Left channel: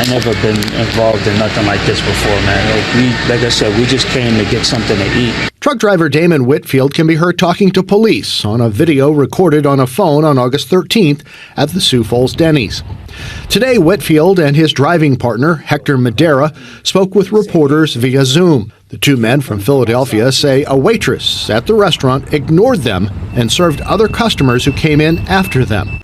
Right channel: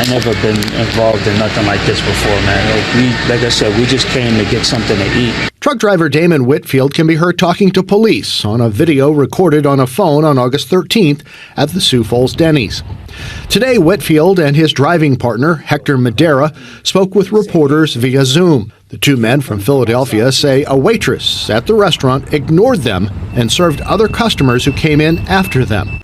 I never been involved in nothing like this before, man. Like I said, we just came to get something to eat. Truck driver Damon Whitfield can be heard talking to police on a video recorded on a phone on August 13th at the Sioux Falls Dennys. Today, Whitfield and his driving partner, Hector Madera, spoke with reporters via Zoom. The two men from Philadelphia say a waitress at the restaurant ignored them and served other customers who came in after them.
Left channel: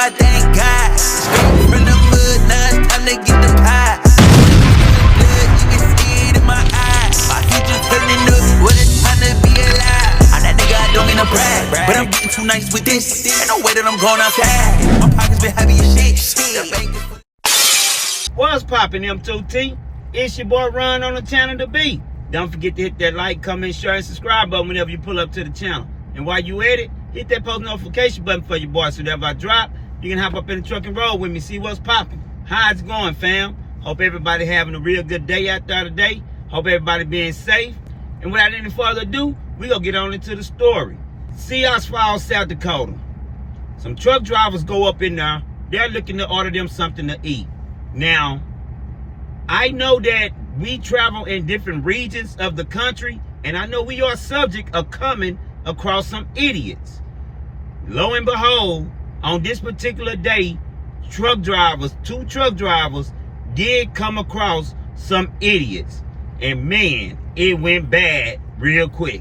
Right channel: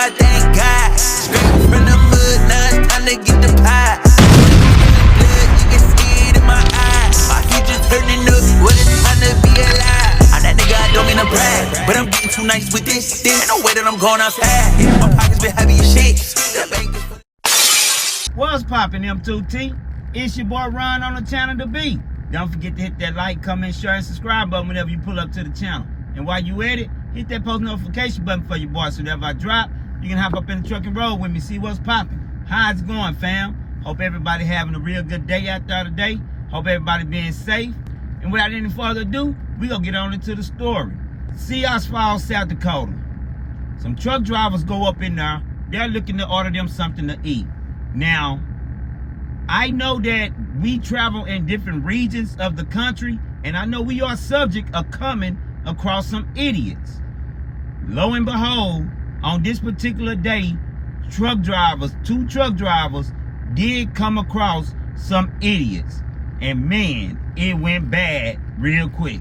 I thank God. Straight from the mud, now it's time to get the pie. Blood, you can see it in my eyes. My future turning up, what it's time to be alive. I'm that nigga, I don't mean to brag, but I'm getting too nice with this. Ain't no way that I'm going outside. My pockets been heavy as shit. What's poppin', M2T? It's your boy Ron on the channel to be. Don't forget to hit that like, comment, share, and subscribe button whenever you pull up to the channel. And while you at it, hit that post notification button for your boy so whenever I drop, you can hop up in the truck and roll with me, see what's popping. How's it going, fam? Hope everybody having a real good day out there today. Hope everybody being safe. And without any further ado, we gonna get on into the story. Sioux Falls, South Dakota. Some truck drivers go up in there. They're looking to order them something to eat. Now, I know that we travel in different regions of the country, and I know we are subject of coming across some idiots. Lo and behold, on this particular day, two truck drivers did come across some idiots. And man, it went bad real quick.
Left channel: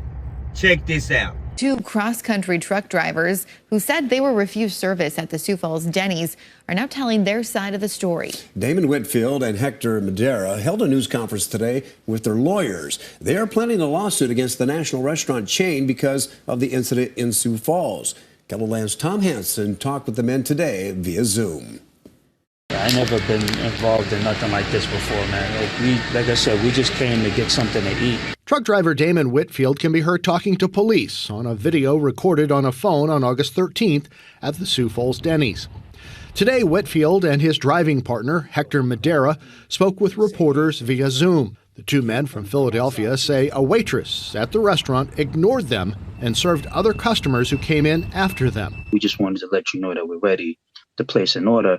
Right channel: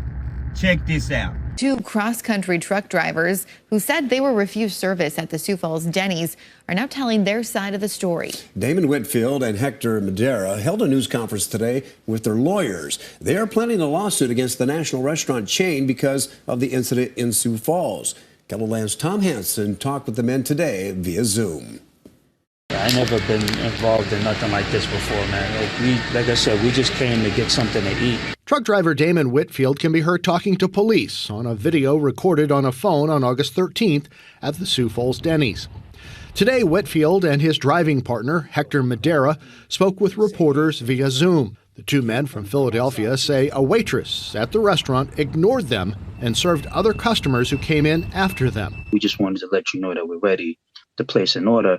Check this out. Two cross-country truck drivers who said they were refused service at the Sioux Falls Denny's are now telling their side of the story. Damon Whitfield and Hector Madera held a news conference today with their lawyers. They are planning a lawsuit against the national restaurant chain because of the incident in Sioux Falls. Keloland's Tom Hansen talked with the men today via Zoom. I never been involved in nothing like this before, man. Like I said, we just came to get something to eat. Truck driver Damon Whitfield can be heard talking to police on a video recorded on a phone on August 13th at the Sioux Falls Dennys. Today, Whitfield and his driving partner, Hector Madera, spoke with reporters via Zoom. The two men from Philadelphia say a waitress at the restaurant ignored them and served other customers who came in after them. We just wanted to let you know that we're ready to place an order.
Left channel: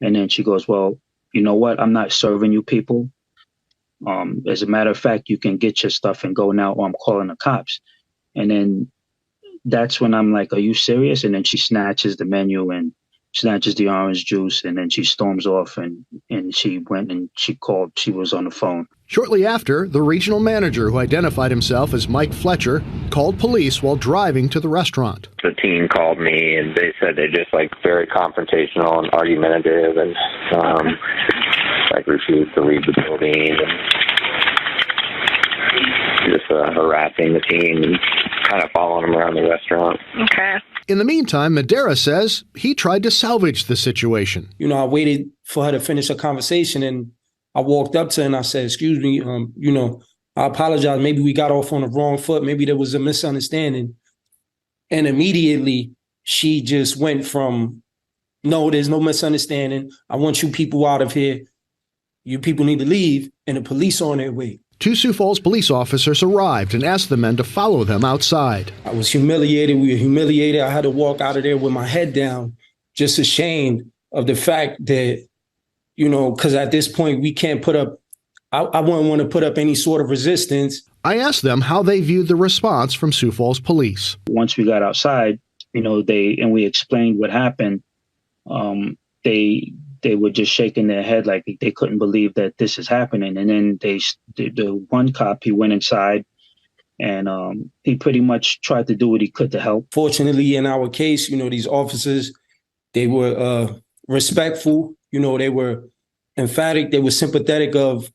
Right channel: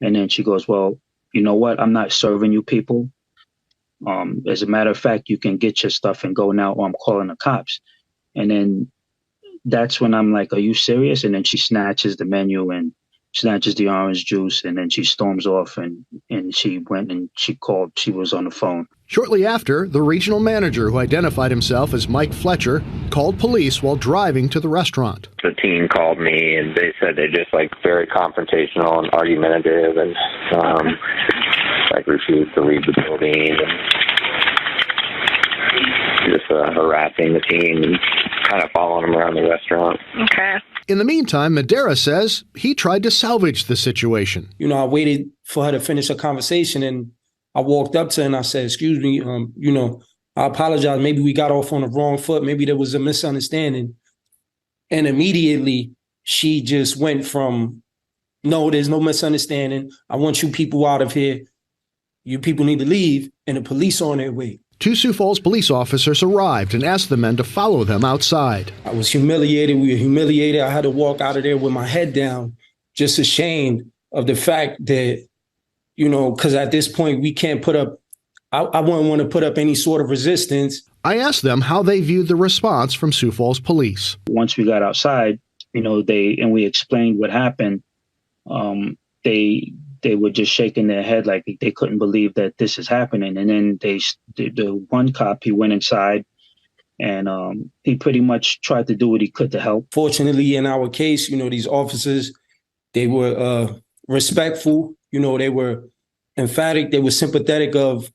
And then she goes, well, you know what? I'm not serving you people. As a matter of fact, you can get your stuff and go now, or I'm calling the cops. And then that's when I'm like, are you serious? And then she snatches the menu and snatches the orange juice, and then she storms off, and she went and she was on the phone. Shortly after, the regional manager, who identified himself as Mike Fletcher, called police while driving to the restaurant. The team called me and they said they're just like very confrontational and argumentative and like refused to leave the building and just harassing the team and kind of following them around the restaurant. Okay. In the meantime, Madera says he tried to salvage the situation. You know, I waited for her to finish her conversation, and I walked up to her and I said, excuse me, I apologize. Maybe we got off on the wrong foot. Maybe there was a misunderstanding. And immediately she just went from, no, there's no misunderstanding. I want you people out of here. You people need to leave. And the police are on their way. Two Sioux Falls police officers arrived and asked the men to follow them outside. I was humiliated. We were humiliated. I had to walk out of there with my head down, just ashamed of the fact that, because at this point we can't put up, I wouldn't want to put up any sort of resistance. I asked them how they viewed the response from Sioux Falls police. Once we got outside, we explained what happened, they were just shaking their head like they couldn't believe that this is happening. And then the one cop, he went inside and he pretty much tried to do what he could to help. Fortunately, in our case, these officers, they were respectful. They were emphatic. They were sympathetic of,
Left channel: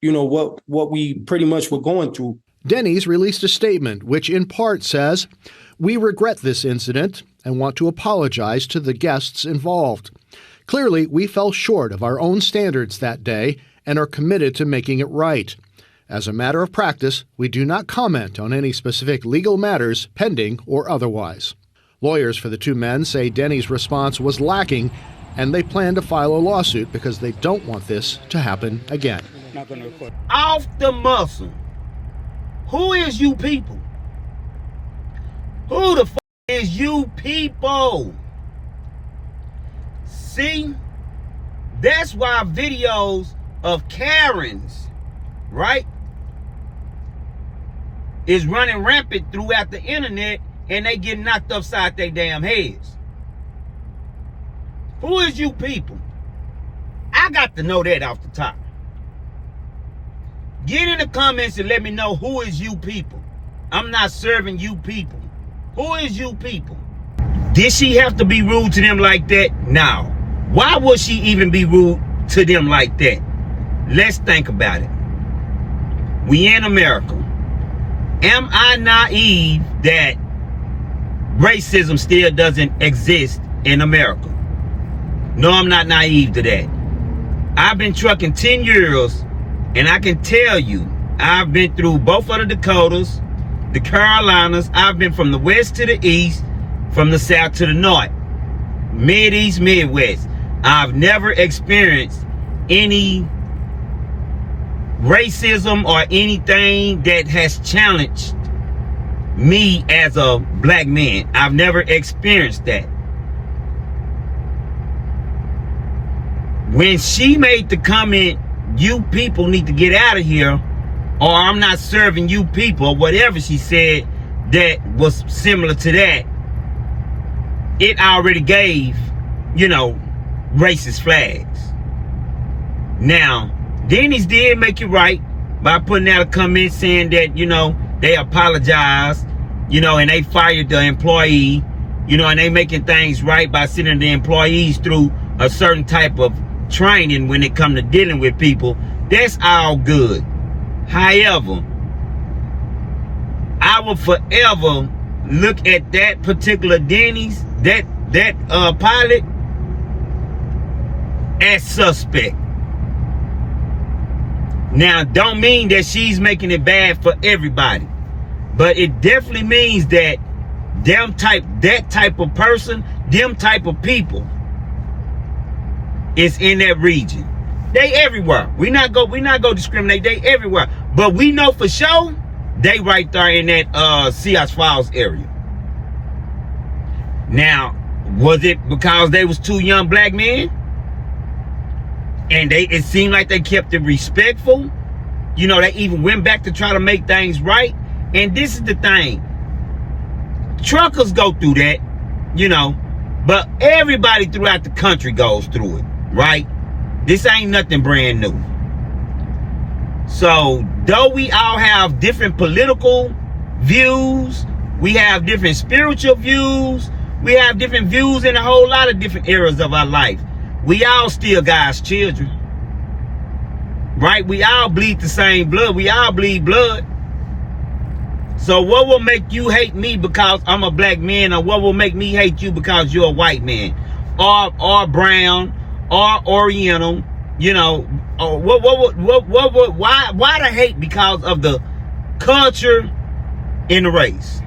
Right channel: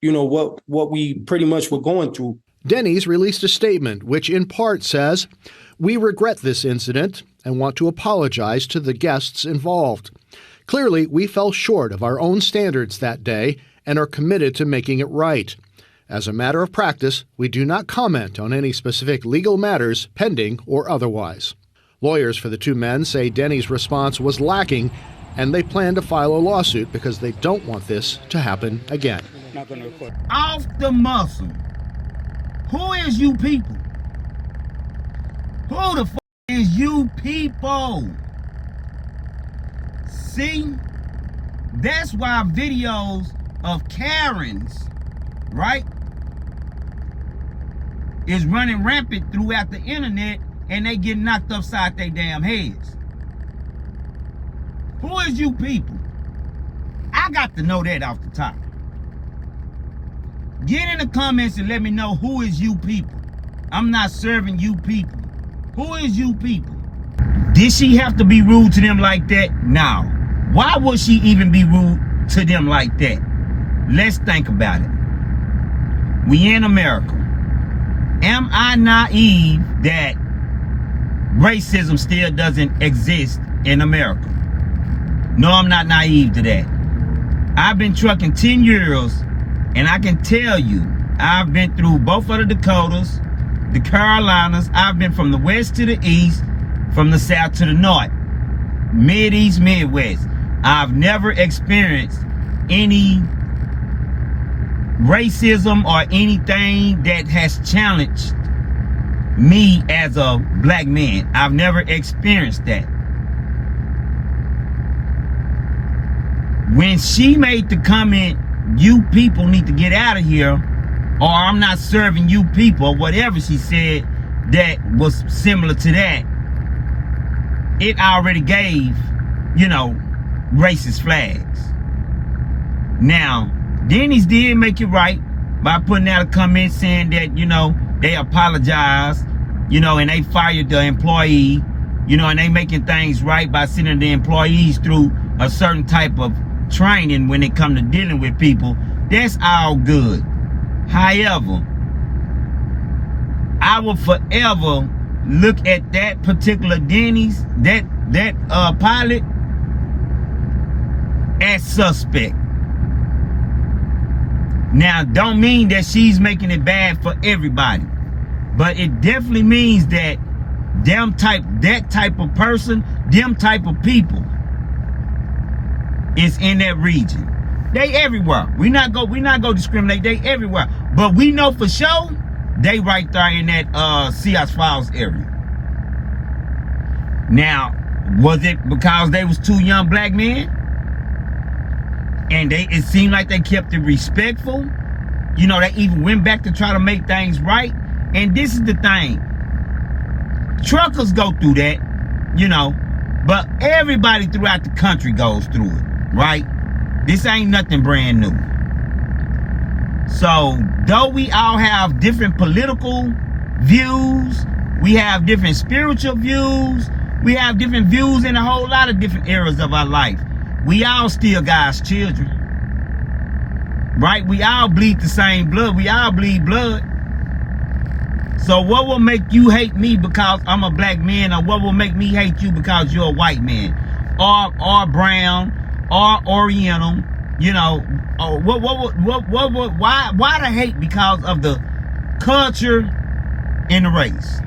what we pretty much were going through. Dennys released a statement which in part says, "We regret this incident and want to apologize to the guests involved. Clearly, we fell short of our own standards that day and are committed to making it right. As a matter of practice, we do not comment on any specific legal matters pending or otherwise." Lawyers for the two men say Denny's response was lacking, and they plan to file a lawsuit because they don't want this to happen again. Off the muscle. Who is you people? Who the fuck is you people? See? That's why videos of Karens, right, is running rampant throughout the internet, and they get knocked upside their damn heads. Who is you people? I got to know that off the top. Get in the comments and let me know who is you people. I'm not serving you people. Who is you people? Did she have to be rude to them like that? No. Why would she even be rude to them like that? Let's think about it. We in America. Am I naive that racism still doesn't exist in America? No, I'm not naive to that. I've been trucking 10 years, and I can tell you, I've been through both of the Dakotas, the Carolinas. I've been from the west to the east, from the south to the north, mid-east, midwest. I've never experienced any racism or anything that has challenged me as a black man. I've never experienced that. When she made the comment, you people need to get out of here, or I'm not serving you people, whatever she said that was similar to that, it already gave, you know, racist flags. Now, Dennys did make it right by putting out a comment saying that, you know, they apologized, you know, and they fired the employee, you know, and they making things right by sending the employees through a certain type of training when it come to dealing with people. That's all good. However, I will forever look at that particular Dennys, that pilot, as suspect. Now, don't mean that she's making it bad for everybody, but it definitely means that that type of person, them type of people is in that region. They everywhere. We not go discriminate. They everywhere. But we know for sure they right there in that Seas Falls area. Now, was it because they was two young black men? And it seemed like they kept it respectful. You know, they even went back to try to make things right. And this is the thing. Truckers go through that, you know, but everybody throughout the country goes through it, right? This ain't nothing brand new. So, though we all have different political views, we have different spiritual views, we have different views in a whole lot of different areas of our life, we all still God's children, right? We all bleed the same blood. We all bleed blood. So what will make you hate me because I'm a black man, or what will make me hate you because you're a white man, or brown, or Oriental? You know, or why the hate? Because of the culture and the race.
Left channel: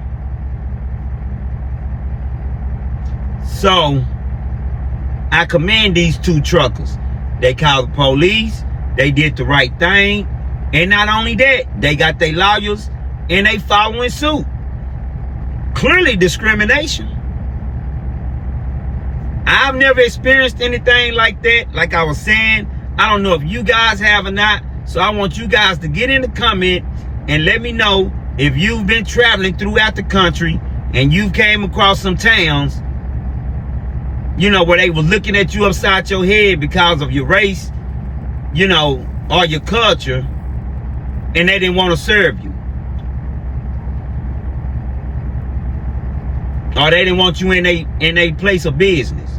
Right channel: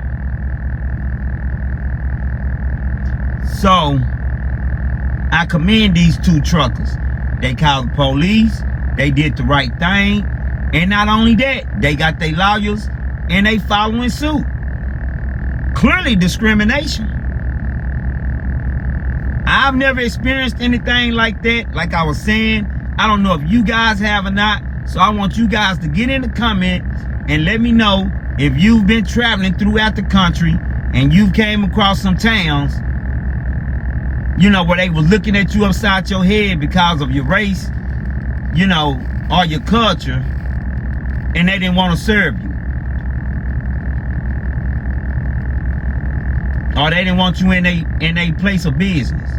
So I commend these two truckers. They called the police. They did the right thing. And not only that, they got their lawyers and they following suit. Clearly discrimination. I've never experienced anything like that. Like I was saying, I don't know if you guys have or not. So I want you guys to get in the comment and let me know if you've been traveling throughout the country and you came across some towns, you know, where they was looking at you upside your head because of your race, you know, or your culture, and they didn't want to serve you. Or they didn't want you in a place of business.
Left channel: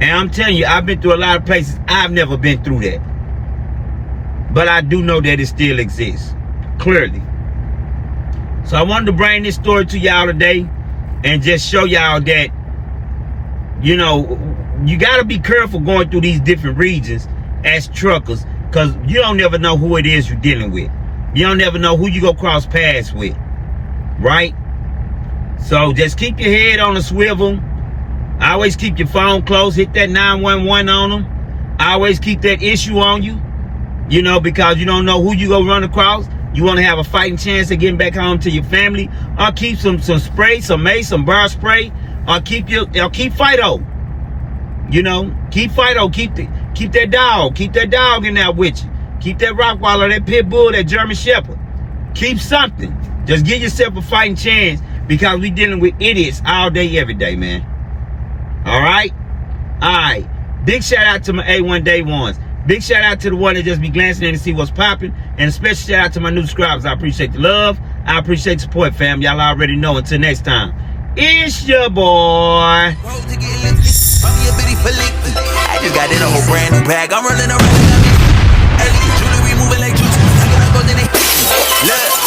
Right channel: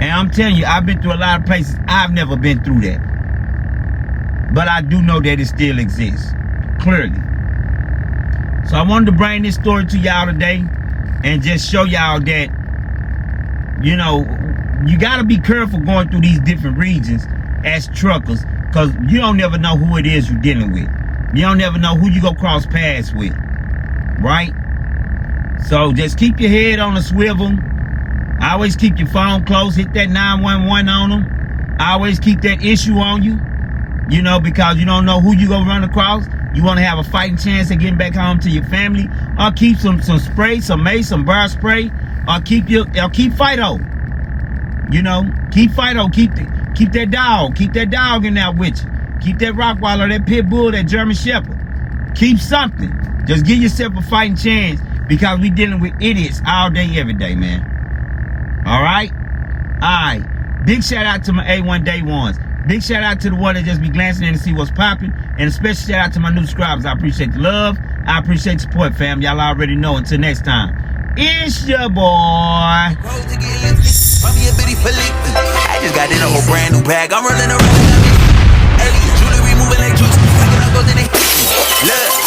And I'm telling you, I've been through a lot of places. I've never been through that. But I do know that it still exists, clearly. So I wanted to bring this story to y'all today and just show y'all that, you know, you got to be careful going through these different regions as truckers, because you don't never know who it is you're dealing with. You don't never know who you go cross paths with, right? So just keep your head on a swivel. Always keep your phone close. Hit that 911 on them. Always keep that issue on you, you know, because you don't know who you gonna run across. You want to have a fighting chance of getting back home to your family, or keep some spray, some mace, some bar spray, or keep Fido. You know, keep Fido, keep that dog in there with you. Keep that Rottweiler, that Pit Bull, that German Shepherd. Keep something. Just give yourself a fighting chance, because we dealing with idiots all day, every day, man. All right? All right. Big shout out to my A1 Day Ones. Big shout out to the one that just be glancing in to see what's popping. And a special shout out to my new subscribers. I appreciate the love. I appreciate the support, fam. Y'all already know. Until next time, it's your boy. I just got in a whole brand new bag. I'm running around. Jewelry moving like juice. Packing up goes in it. Look.